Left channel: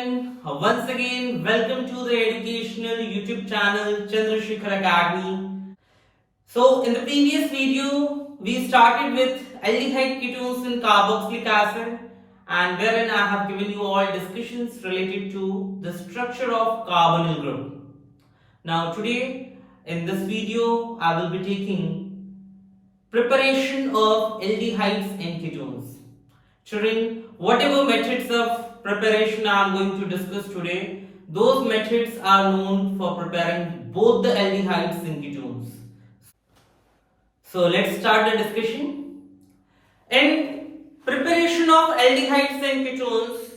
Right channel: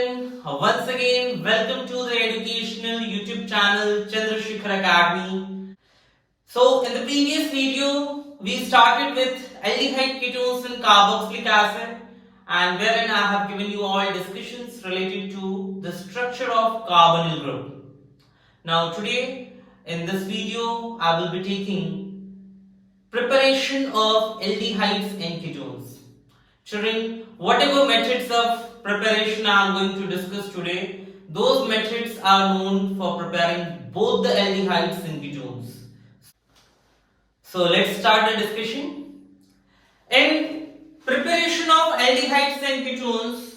everyone, once again welcome to the educational YouTube channel Chandrasekhar Academy. So in the previous video we started with aldehyde ketones and carboxylic acid, and wherein I have given you all discussions related to the structure of carbonyl group. Now today in this video I will be taking preparation of aldehydes and ketones. Children, whatever methods of preparation I am going to discuss today, those methods are known for preparing both the aldehydes and ketones. So let's start the discussion. In preparation of aldehydes and ketones,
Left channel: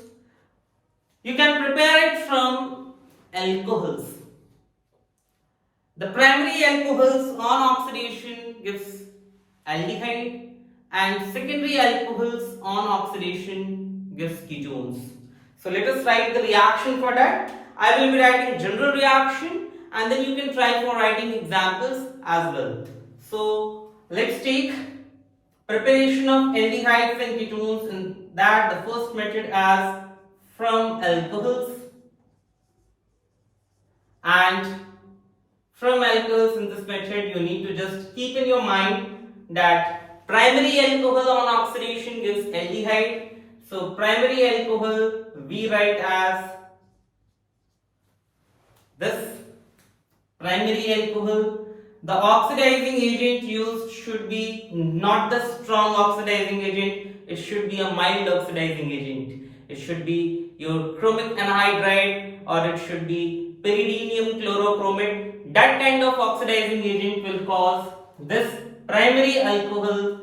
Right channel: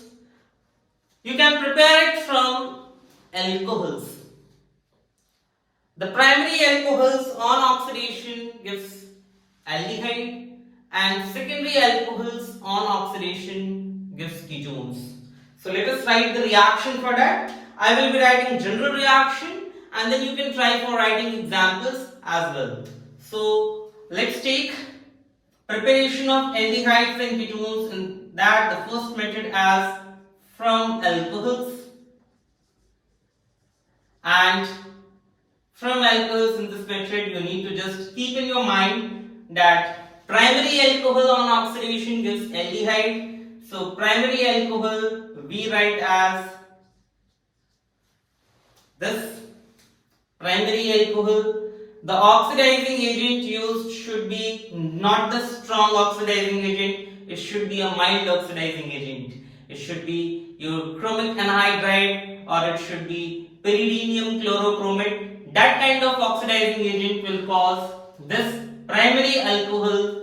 you can prepare it from alcohols. The primary alcohols on oxidation gives aldehyde, and secondary alcohols on oxidation gives ketones. So let us write the reaction for that. I will be writing general reaction, and then you can try for writing examples as well. So let's take preparation of aldehydes and ketones, and that the first method as from alcohols, and from alcohols in this method you need to just keep in your mind that primary alcohol on oxidation gives aldehyde. So primary alcohol we write as this primary alcohol. The oxidizing agent used should be not the strong oxidizing agent, it should be a mild oxidizing agent. It should be your chromic anhydride, or it should be pyridinium chlorochromate. That kind of oxidizing agent will cause this primary alcohol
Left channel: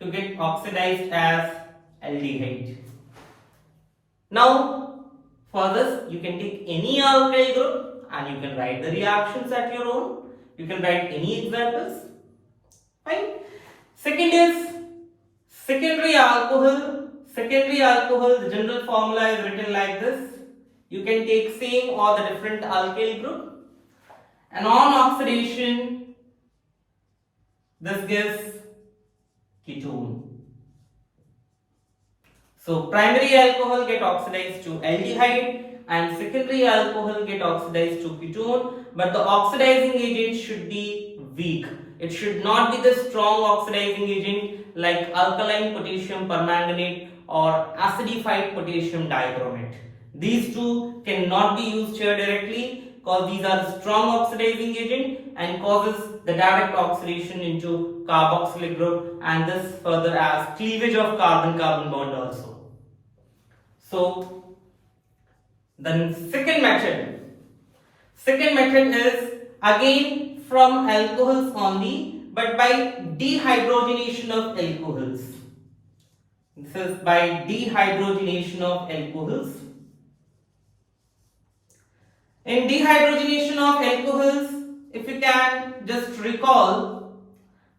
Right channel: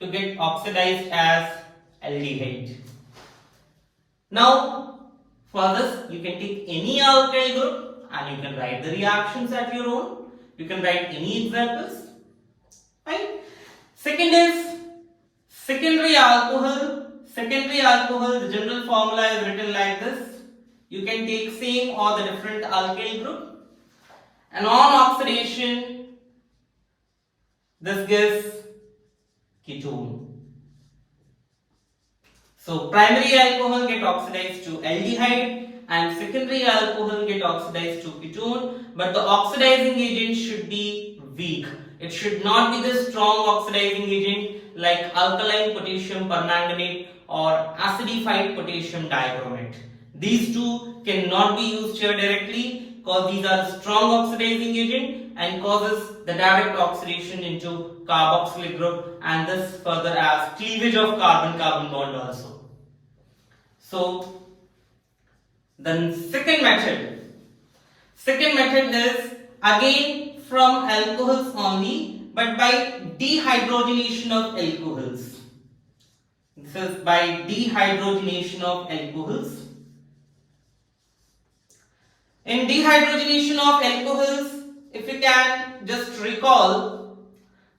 to get oxidized as aldehyde. Now for this you can take any alkyl group and you can write the reactions at your own. You can write any examples. Fine. Second is secondary alcohol. Secondary alcohol, the general formula is written like this. You can take same or the different alkyl group, and on oxidation this gives ketone. So primary alcohol get oxidized to aldehyde and secondary alcohol get oxidized to ketone, but the oxidizing agent should be weak. It should not be the strong oxidizing agent like alkaline potassium permanganate or acidified potassium dichromate. These two cannot be used here directly because these are strong oxidizing agent and causes the direct oxidation into carboxylic group, and this further as cleavage of carbon-carbon bond also. So the second method is again from alcohols only, but by dehydrogenation of alcohols. This is by dehydrogenation of alcohols. In dehydrogenation of alcohols, if you can just recall,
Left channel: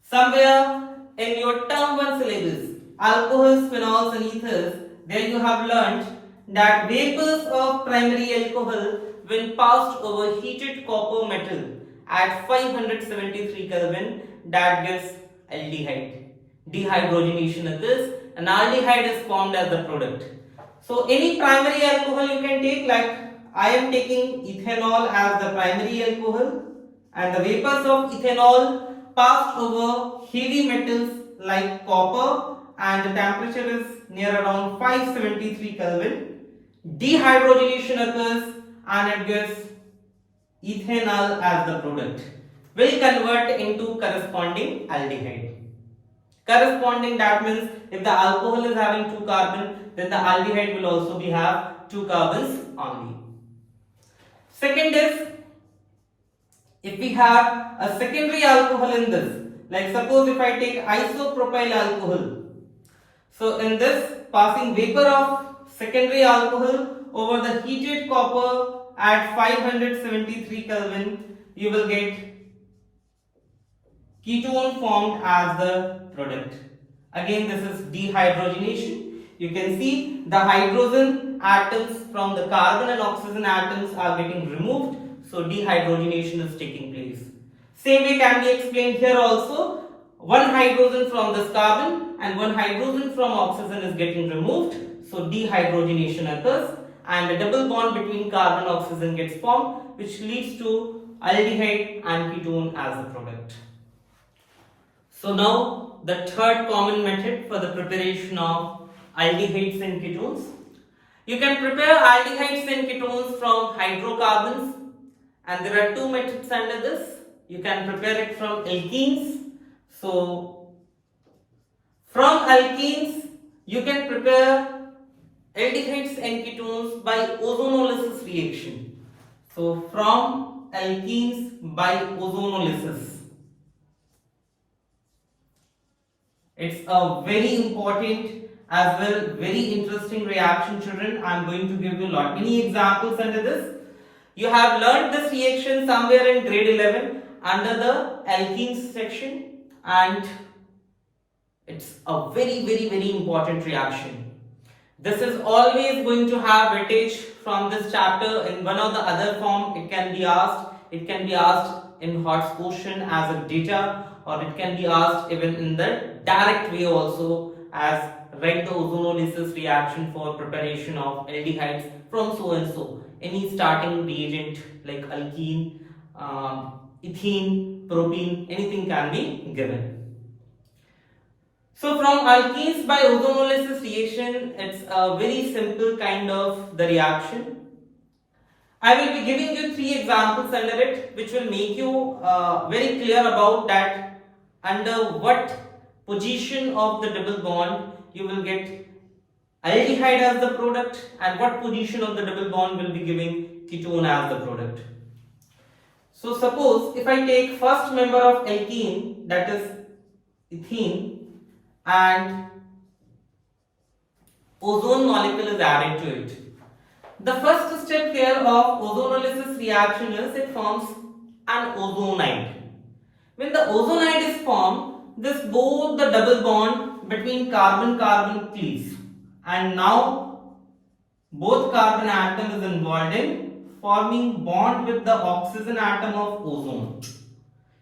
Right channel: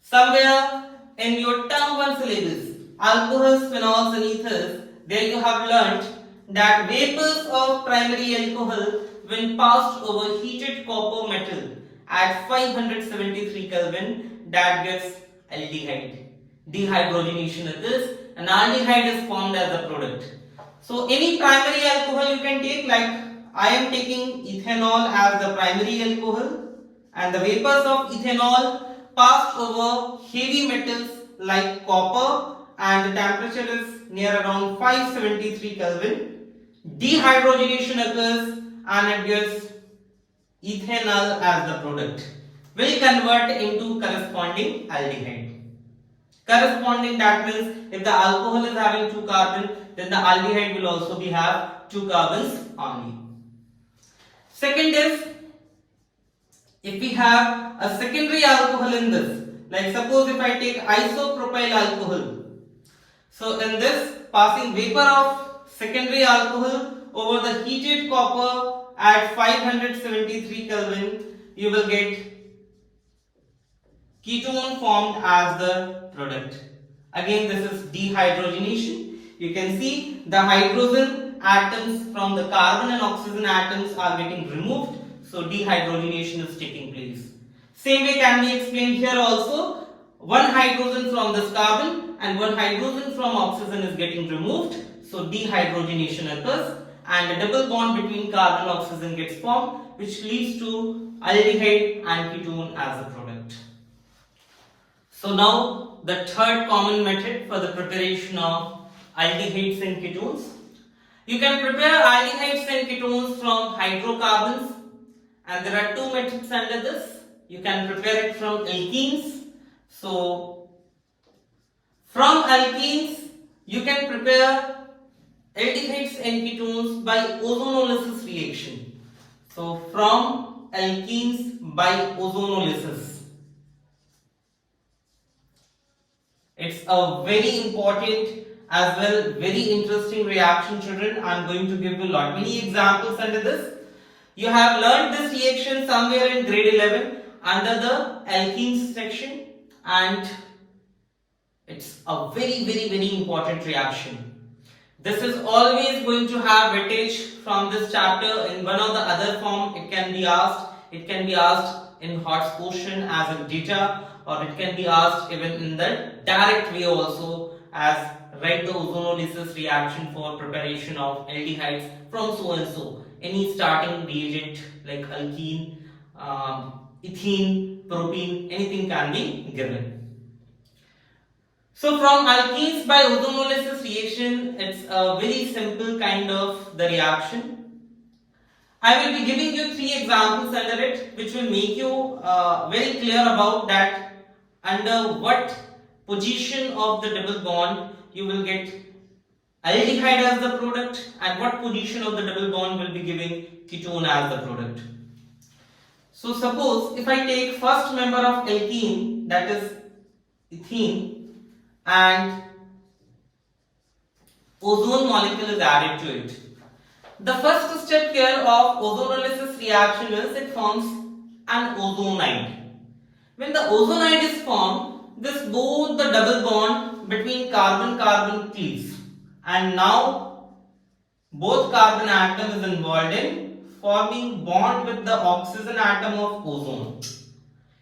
somewhere in your term 1 syllabus, alcohols, phenols and ethers, there you have learnt that vapors of primary alcohol when passed over heated copper metal at 573 Kelvin, that gives aldehyde. Dehydrogenation occurs and aldehyde is formed as a product. So any primary alcohol you can take, like I am taking ethanol as the primary alcohol, and the vapors of ethanol passed over heavy metals like copper, and the temperature is near around 573 Kelvin. Dehydrogenation occurs and it gives ethanol as the product. Will convert into corresponding aldehyde. Corresponding, that means if the alcohol is having 2 carbon, then the aldehyde will also be have 2 carbons only. Second is, if we have a secondary alcohol in this, like suppose if I take isopropyl alcohol. So in this, passing vapor of secondary alcohol over the heated copper at 573 Kelvin, you will get ketone formed as the product. Again, this is dehydrogenation. You can see the hydrogen atoms from the carbon and oxygen atoms are getting removed. So dehydrogenation is taking place. Same way can be explained here also. One hydrogen from this carbon and one hydrogen from oxygen is getting removed. So dehydrogenation occurs. and a double bond between carbon and oxygen gets formed, which leads to aldehyde and ketone as a product. So now the third common method for the preparation of aldehydes and ketones. You can prepare aldehydes and ketones from hydrocarbons, and there are two methods under this. You can prepare it from alkenes. So from alkenes you can prepare aldehydes and ketones by ozonolysis reaction. So from alkenes by ozonolysis. It's a very important as well very interesting reaction, children. I am going to give you many examples under this. You have learned this reaction somewhere in grade 11 under the alkenes section, and it's a very important reaction. This is always going to have weightage from this chapter in one or the other form. It can be asked. It can be asked in hot question as a data, or it can be asked even in the direct way also as write the ozonolysis reaction for preparation of aldehydes from so and so. Any starting reagent like alkene, ethene, propene, anything can be given. So from alkenes by ozonolysis reaction, it's a very simple kind of the reaction. I will be giving you three examples under it, which will make you very clear about that under what position of the double bond you will get aldehyde as the product, and what position of the double bond will be giving ketone as the product. So suppose if I take first member of alkene, that is ethene, and ozone molecule is added to it. The first step here of ozonolysis reaction is it forms an ozonide. When the ozonide is formed, this both the double bond between carbon cleaves, and now both carbon atom is involved in forming bond with the oxygen atom of ozone.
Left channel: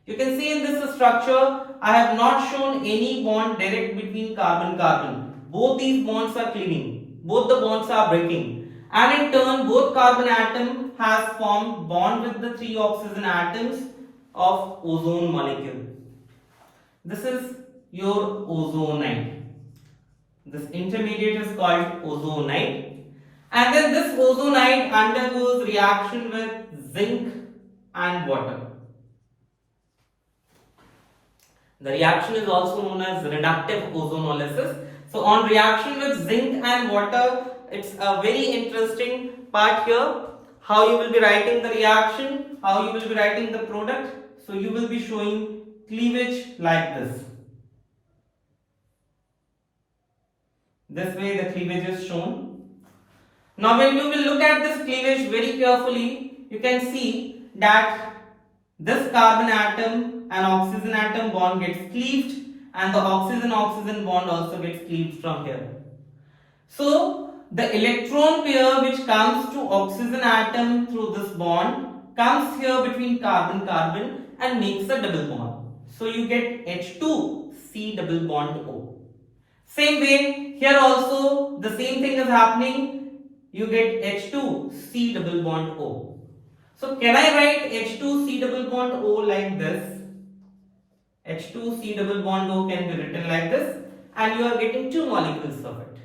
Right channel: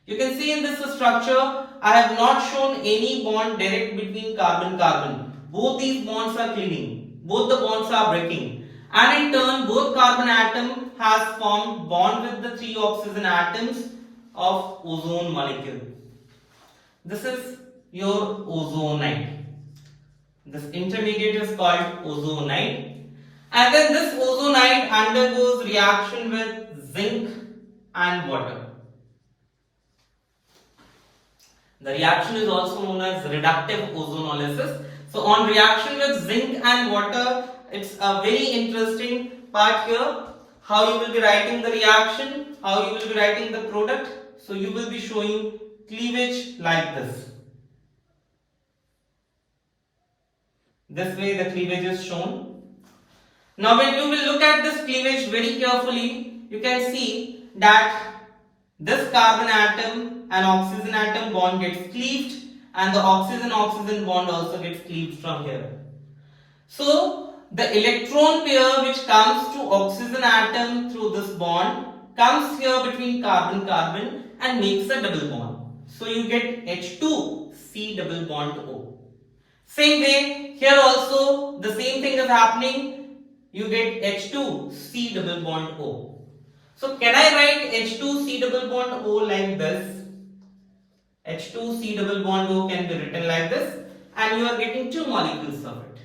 You can see in this structure I have not shown any bond direct between carbon. Both these bonds are cleaving, both the bonds are breaking, and in turn both carbon atom has formed bond with the three oxygen atoms of ozone molecule. This is your ozonide. This intermediate is called ozonide, and then this ozonide undergoes reaction with zinc and water. The reaction is also known as reductive ozonolysis. So on reaction with zinc and water, it's a very interesting part here. How you will be writing the reaction, how you will be writing the product. So you will be showing cleavage like this. This way the cleavage is shown. Now when you will look at this cleavage very carefully, you can see that this carbon atom and oxygen atom bond gets cleaved, and the oxygen bond also gets cleaved from here. So the electron pair which comes to oxygen atom through this bond comes here between carbon and makes a double bond. So you get H2C double bond O. Same way here also the same thing is happening. You get H2C double bond O. So can I write H2C double bond O like this? H2C double bond O can be written like this, and you are getting two molecules of it.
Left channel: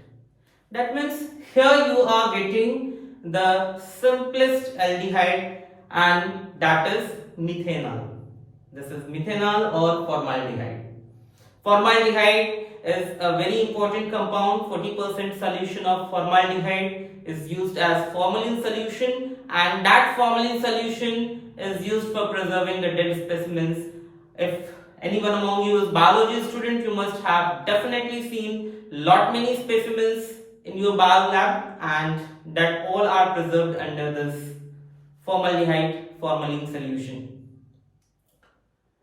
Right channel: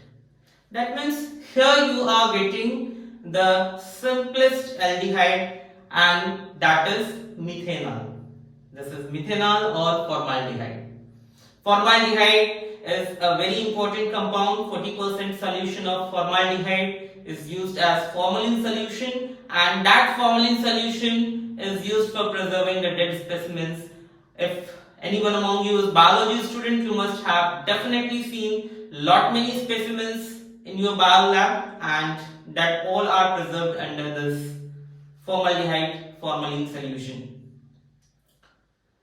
That means here you are getting the simplest aldehyde, and that is methanol. This is methanol or formaldehyde. Formaldehyde is a very important compound. 40% solution of formaldehyde is used as formalin solution, and that formalin solution is used for preserving the dead specimens. If anyone among you is biology student, you must have definitely seen many specimens in your bio lab, and that all are preserved under this formaldehyde formalin solution.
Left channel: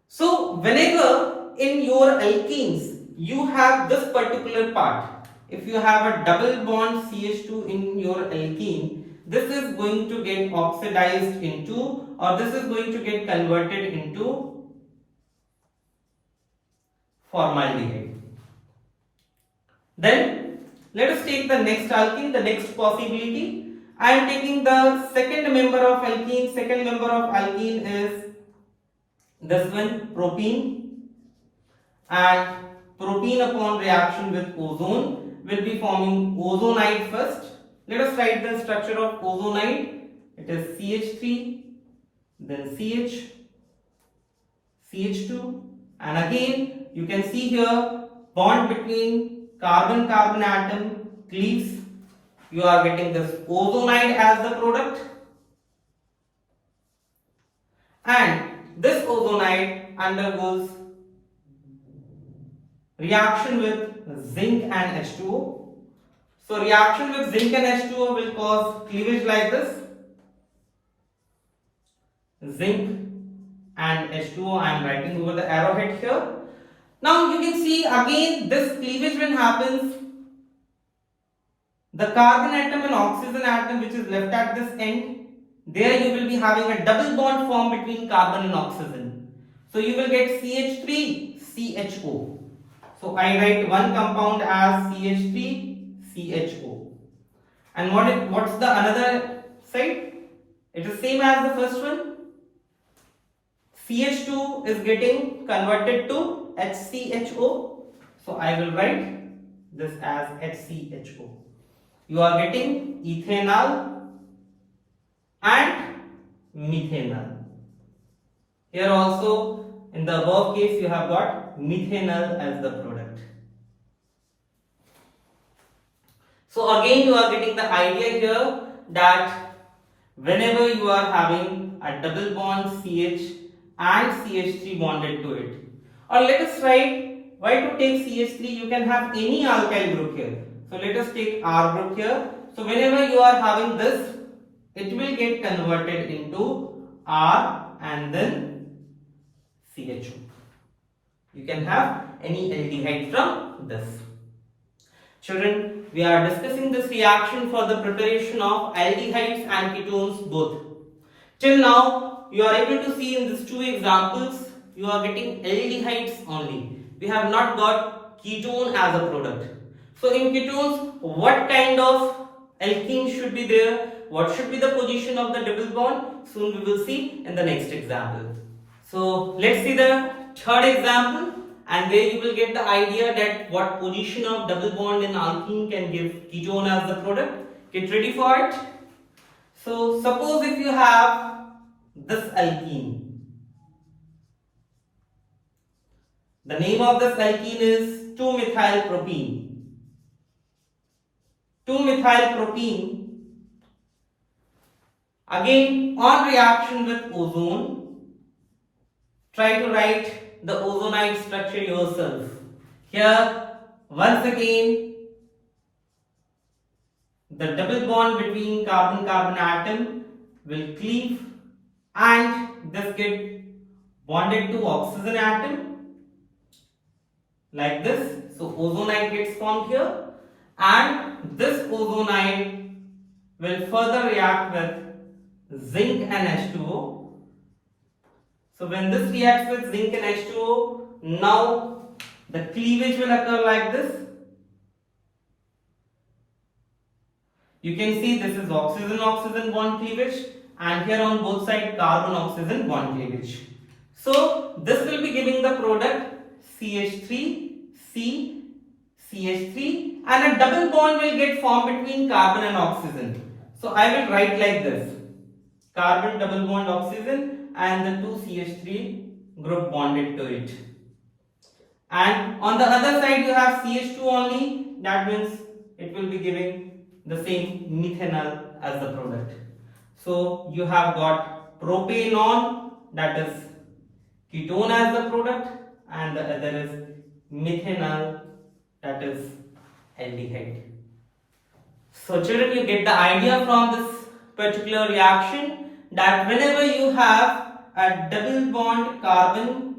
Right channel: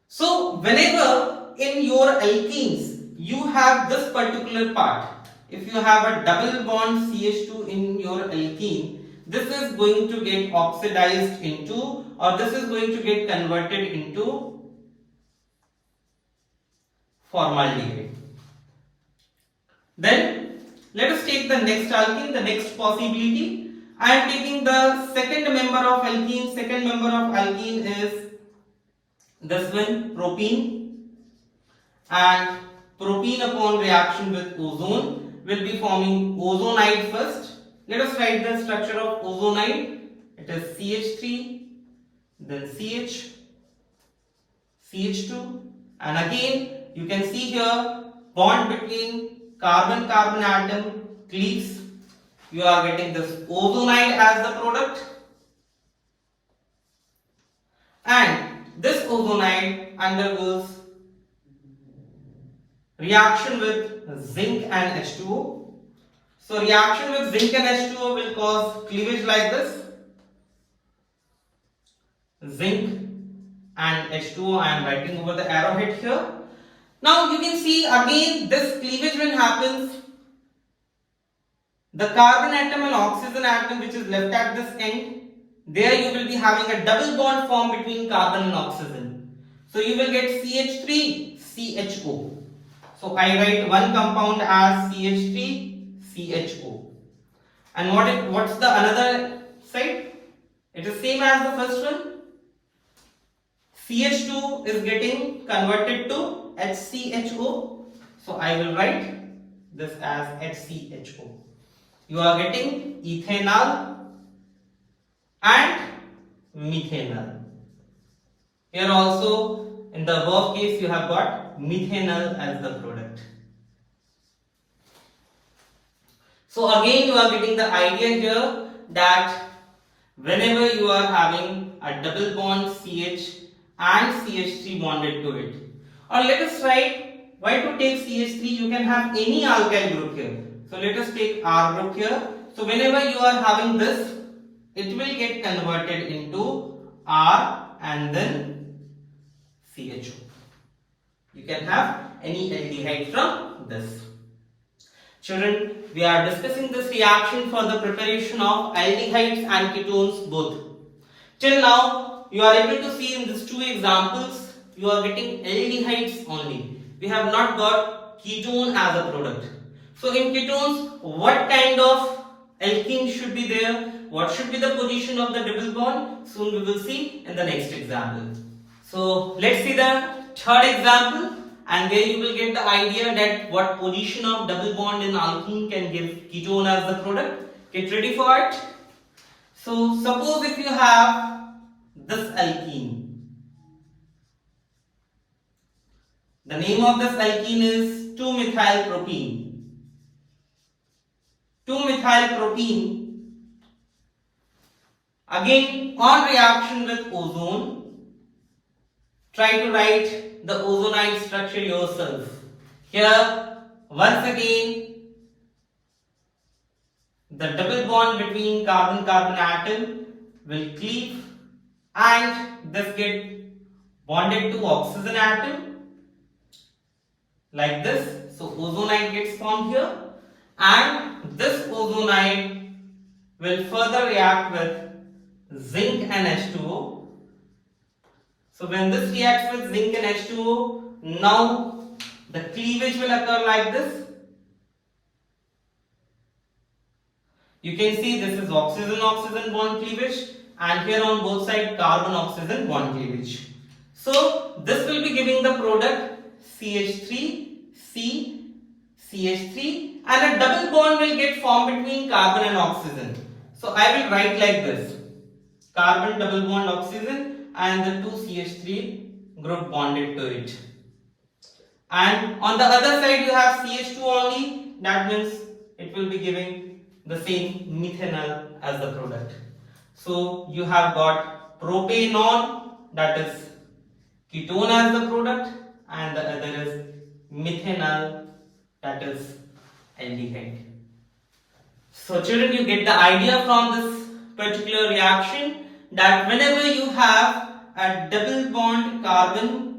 So whenever in your alkenes you have this particular part, if you have a double bond CH2 in your alkene, this is going to get oxidized into, or this is going to get converted into formaldehyde. Then let us take the next alkene, the next possibility, I am taking the second member of alkene. Second member of alkene is this one, propene. And propene upon reaction with ozone will be forming ozonide first. Let us write the structure of ozonide. It is CH3, then CH, CH2, and again you can see here bond between carbon-carbon atom cleaves. You are getting this ozonide as the product, and this ozonide undergoes reaction with zinc and H2O. So reaction with zinc and H2O will cause cleavage like this. Zinc and H2O, I am writing over the arrowhead here. Now you can see again this cleavage when happens, the carbon atom and oxygen atom which is left at this end, there you will be having a double bond formed between carbon and oxygen. So you will get CH3CHO. So I write one compound as CH3CHO. And what's the another side? It is same as the first one. CH2 is getting converted to HCHO. So I will write this as HCHO. You are getting ethanol and methanol. Here also in the above case you have got methanol as the product. So again you are getting the idea here that whenever you are having a double bond CH and CH3 bonded to it, or let us write, why to take CH3, you can have any alkyl group here. So let us take R group here. So whenever you are having this, it will get converted into R and then CHO. You can have any aldehyde from this. Children, we are discussing this reaction for the preparation of aldehydes and ketones both. Till now, you are able to see in these two examples, you are getting aldehydes only. We have not got ketone as a product. So in ketones, what kind of alkene should be there? What should be the position of the double bond? Soon we will see in the next example. So let's see the third example, and there you will get the idea that what position of double bond in alkene can give ketone as the product. Get ready for it. So suppose if you have this alkene. The name of this alkene is 2-methylpropene. 2-methylpropene, again on reaction with ozone, try to write the ozonide structure yourself. Here once again the double bond between carbon-carbon atom will cleave and this get bonded to oxygen atom like this. So ozonide gets formed here, and this ozonide will further react with zinc and H2O. So when this reacts with zinc and H2O, now the cleavage will occur like this. You can see this is oxygen-oxygen bond cleavage, and here on both sides carbon-oxygen bond cleavage. So this will be giving the product CH3, CH3, and a double bond will get formed between carbon and oxygen. So I will write like this: carbon double bond oxygen and the two CH3 group bonded to it. And on the other side you have CH2 only, that means it will be giving the same methanol as the product. So you have got propanol, that is ketone as the product, and the other is methanol, that is aldehyde. So children, you get the idea from this particular reaction that whenever you have a double bond carbon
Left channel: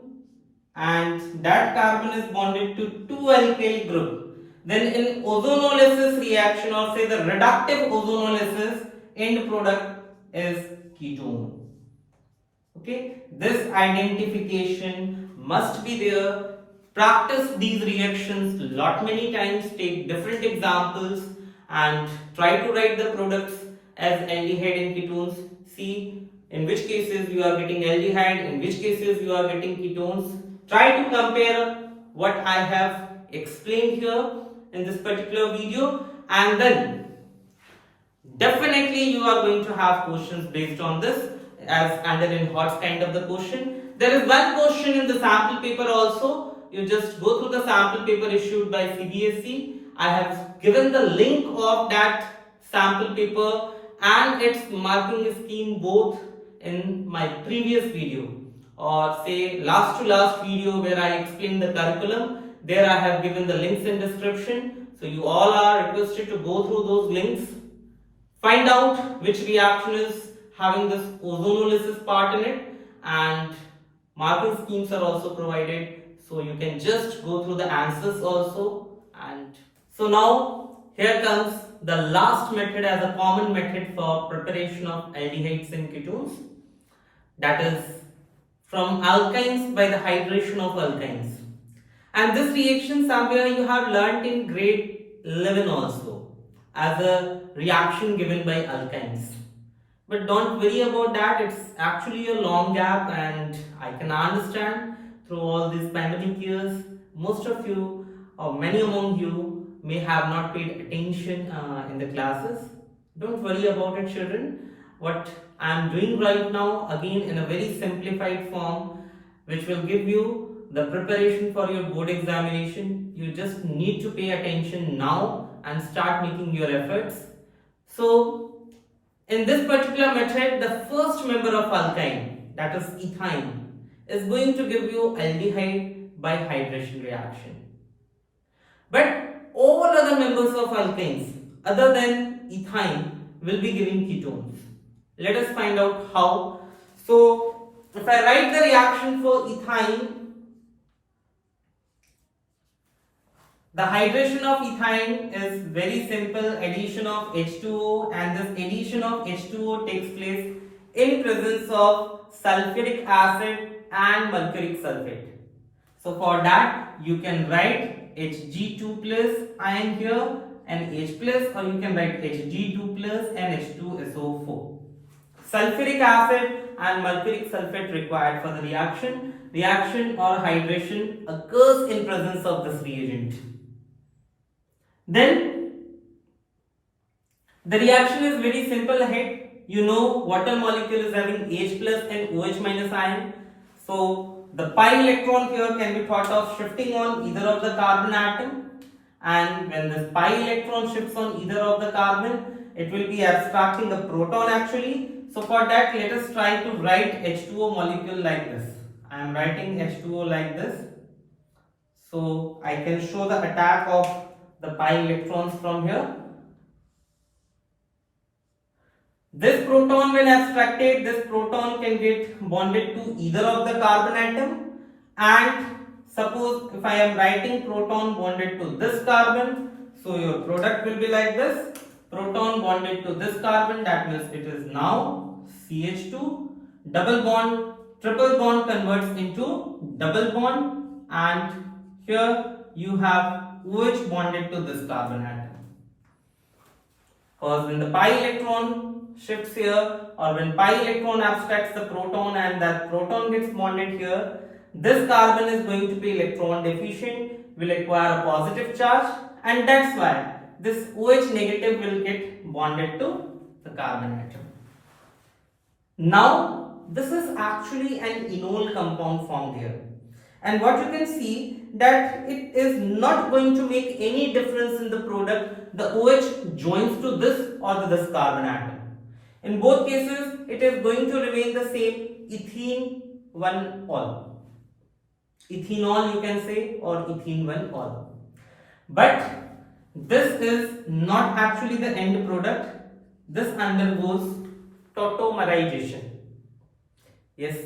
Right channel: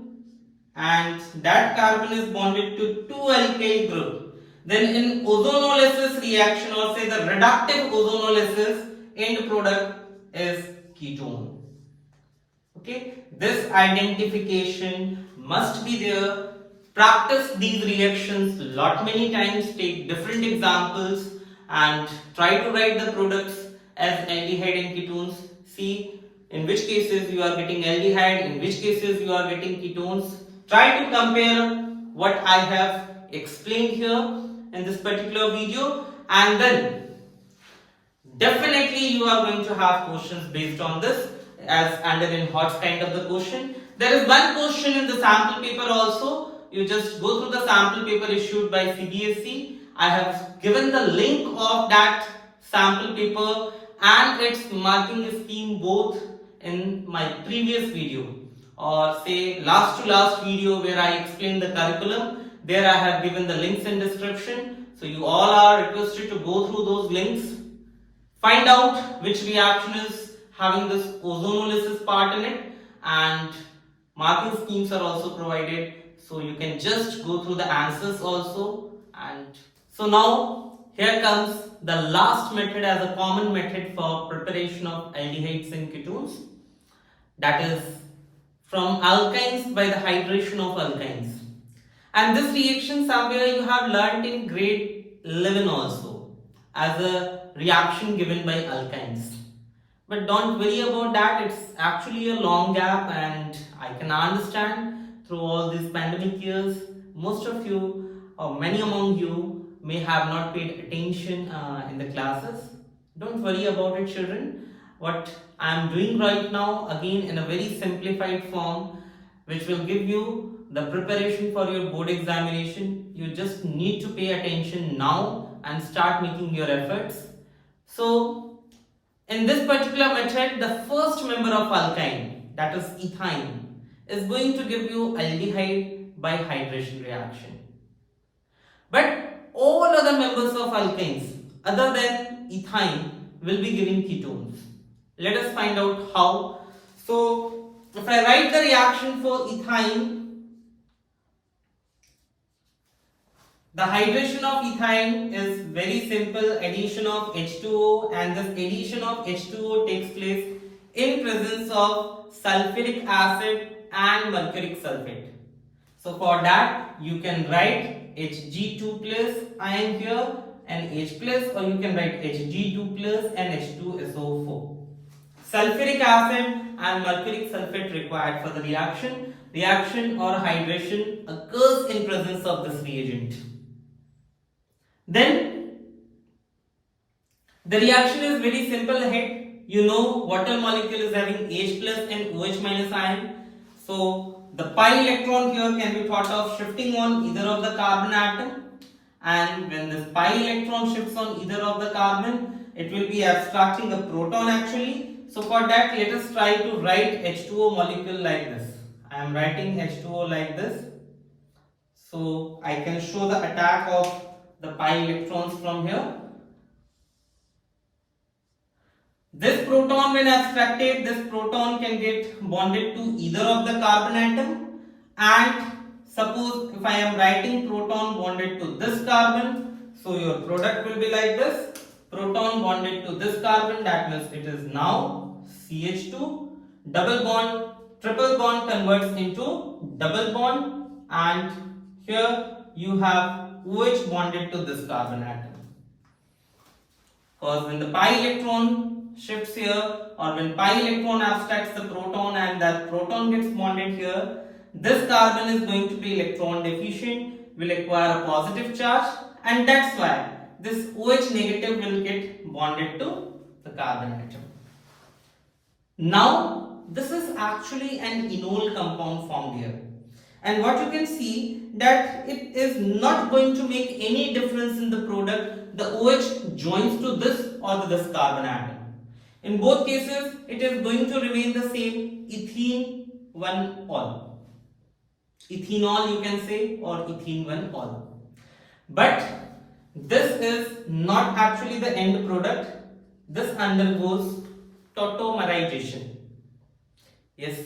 and that carbon is bonded to two alkyl group, then in ozonolysis reaction, or say the reductive ozonolysis, end product is ketone. Okay, this identification must be there. Practice these reactions lot many times, take different examples and try to write the products as aldehyde and ketones. See in which cases you are getting aldehyde, in which cases you are getting ketones. Try to compare what I have explained here in this particular video, and then definitely you are going to have questions based on this, as under in hot kind of the question. There is one question in the sample paper also. You just go through the sample paper issued by CBSE. I have given the link of that sample paper and its marking scheme both in my previous video, or say last to last video where I explained the curriculum. There I have given the links in description. So you all are requested to go through those links. Find out which reaction is having this ozonolysis part in it, and marking schemes are also provided, so you can just go through the answers also. And so now here comes the last method as a common method for preparation of aldehydes and ketones, that is from alkynes by the hydration of alkynes. And this reaction somewhere you have learnt in grade 11 also as a reaction given by alkynes. But don't worry about that, it's actually a long gap, and I can understand through all these pandemic years, most of you or many among you may have not paid attention in the classes. Don't worry about it, children. What I am doing right now, again in a very simplified form, which will give you the preparation for your board examination. You just need to pay attention now and start making your efforts. So in this particular method, the first member of alkyne, that is ethyne, is going to give you aldehyde by hydration reaction. But all other members of alkynes other than ethyne will be giving ketones. Let us find out how. So if I write the reaction for ethyne, the hydration of ethyne is very simple, addition of H2O, and this addition of H2O takes place in presence of sulfuric acid and mercuric sulfate. So for that you can write Hg2 plus ion here and H plus, or you can write Hg2 plus and H2SO4. Sulfuric acid and mercuric sulfate required for the reaction. Reaction or hydration occurs in presence of this reagent. Then the reaction is very simple ahead. You know water molecule is having H plus and OH minus ion. So the pi electron here can be thought of shifting on either of the carbon atom, and when this pi electron shifts on either of the carbon, it will be abstracting the proton actually. So for that, let us try to write H2O molecule like this. I am writing H2O like this. So I can show the attack of the pi electrons from here. This proton, when abstracted, this proton can get bonded to either of the carbon atom, and suppose if I am writing proton bonded to this carbon, so your product will be like this, proton bonded to this carbon, that means it is now CH2, double bond, triple bond converts into double bond, and here you have OH bonded to this carbon atom. Because when the pi electron shifts here, or when pi electron abstracts the proton and that proton gets bonded here, this carbon is going to be electron deficient, will acquire a positive charge, and that's why this OH negative will get bonded to the carbon atom. Now this is actually an enol compound formed here, and what you can see that it is not going to make any difference in the product. The OH joins to this or to this carbon atom. In both cases, it is going to remain the same, ethene 1 ol. Ethenol you can say, or ethene 1 ol. But this is not actually the end product. This undergoes tautomerization. Yes,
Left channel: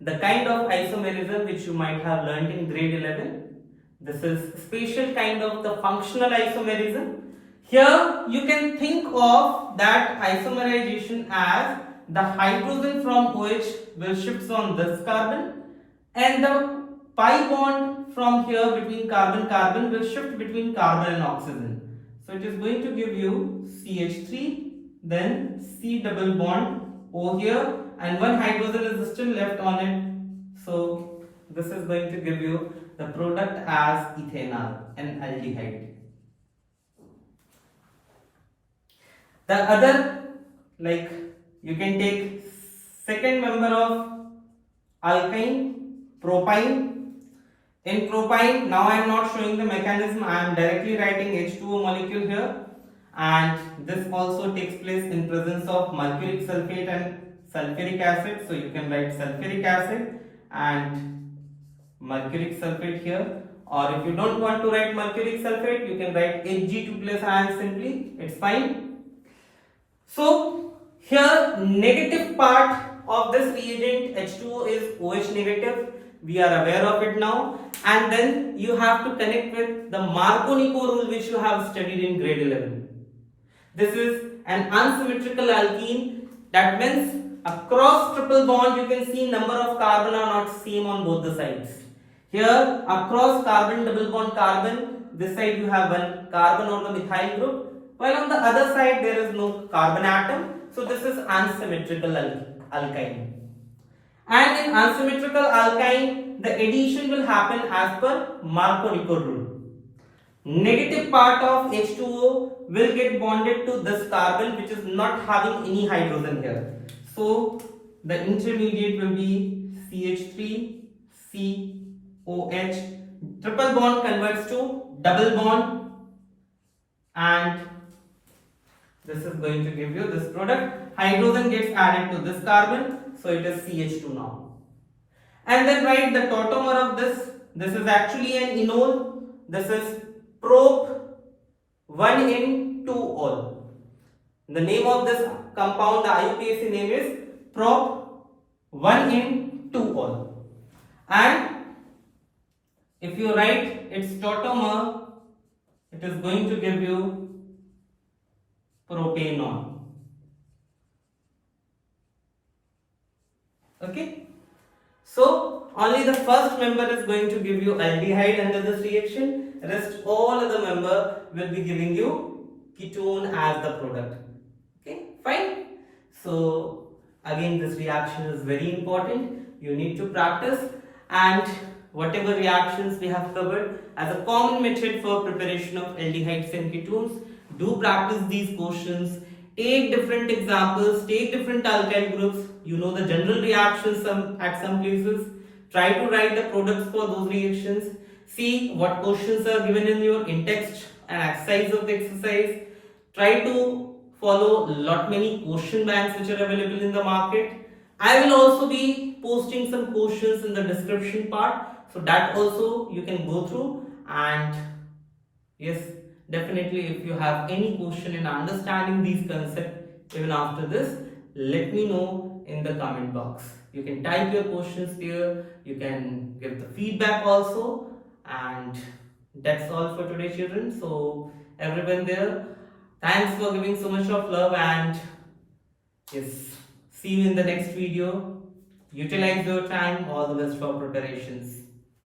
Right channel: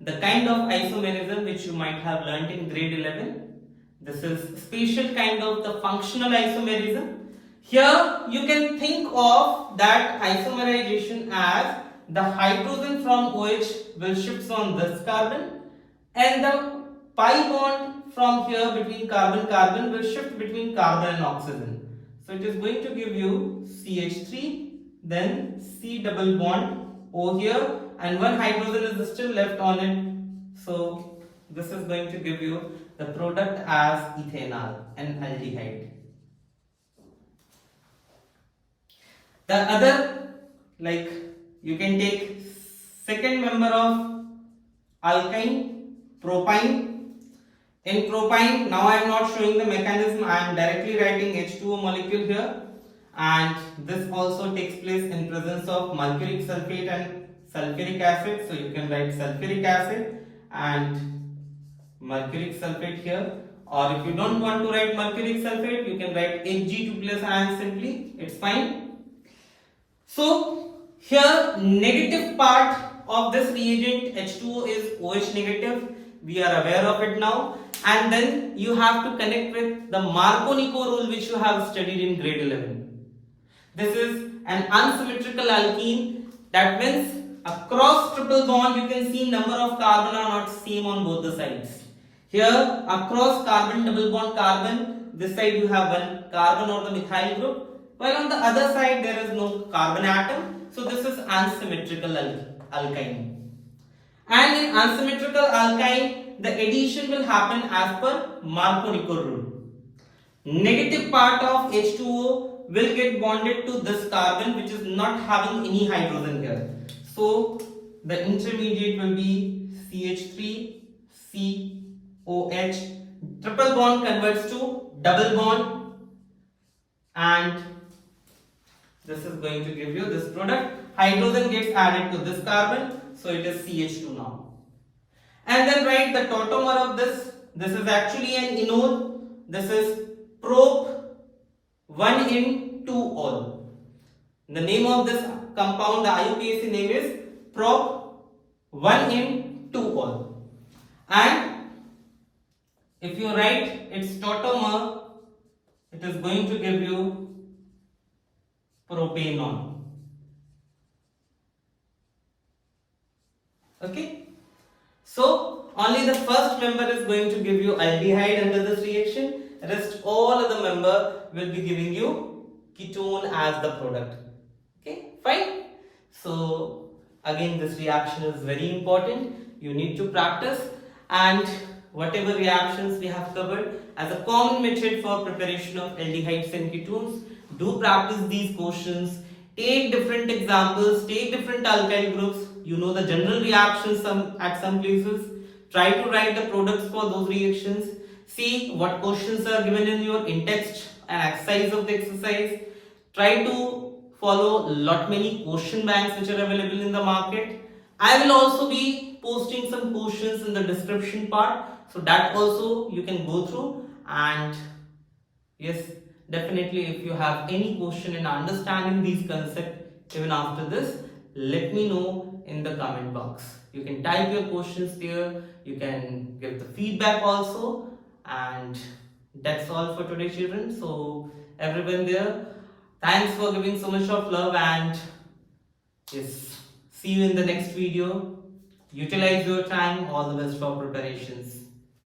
the kind of isomerism which you might have learnt in grade 11. This is special kind of the functional isomerism. Here you can think of that isomerization as the hydrogen from OH will shift on this carbon, and the pi bond from here between carbon will shift between carbon and oxygen. So it is going to give you CH3 then C double bond O here, and one hydrogen is still left on it. So this is going to give you the product as ethanol, an aldehyde. The other, like, you can take second member of alkyne, propyne. In propyne, now I am not showing the mechanism, I am directly writing H2O molecule here, and this also takes place in presence of mercuric sulfate and sulfuric acid. So you can write sulfuric acid and mercuric sulfate here, or if you don't want to write mercuric sulfate, you can write Hg2 plus ion simply, it's fine. So here negative part of this reagent H2O is OH negative, we are aware of it now, and then you have to connect with the Marconi Rule which you have studied in grade 11. This is an unsymmetrical alkene, that means across triple bond you can see number of carbon are not same on both the sides. Here across carbon double bond carbon, this side you have one carbon or the methyl group, while on the other side there is no carbon atom, so this is unsymmetrical alkyne. And in unsymmetrical alkyne, the addition will happen as per Marconi Rule. Negative part of H2O will get bonded to this carbon which is not having any hydrogen here. So the intermediate will be CH3, COH. Triple bond converts to double bond, and this is going to give you this product. Hydrogen gets added to this carbon, so it is CH2 now. And then write the tautomer of this. This is actually an enol. This is prop 1 in 2 ol. The name of this compound, the IUPAC name is prop 1 in 2 ol. And if you write its tautomer, it is going to give you propanol. Okay, so only the first member is going to give you aldehyde under this reaction, rest all of the member will be giving you ketone as the product. Okay, fine. So again this reaction is very important, you need to practice, and whatever reactions we have covered as a common method for preparation of aldehydes and ketones, do practice these questions. Take different examples, take different alkyl groups, you know the general reactions at some places. Try to write the products for those reactions. See what questions are given in your in-text and exercise of the exercise. Try to follow many question banks which are available in the market. I will also be posting some questions in the description part, so that also you can go through. And yes, definitely if you have any question in understanding these concepts even after this, let me know in the comment box. You can type your questions there, you can give the feedback also, and that's all for today, children. So everyone there, thanks for giving so much of love, and yes, see you in the next video. Utilize your time. All the best for preparations.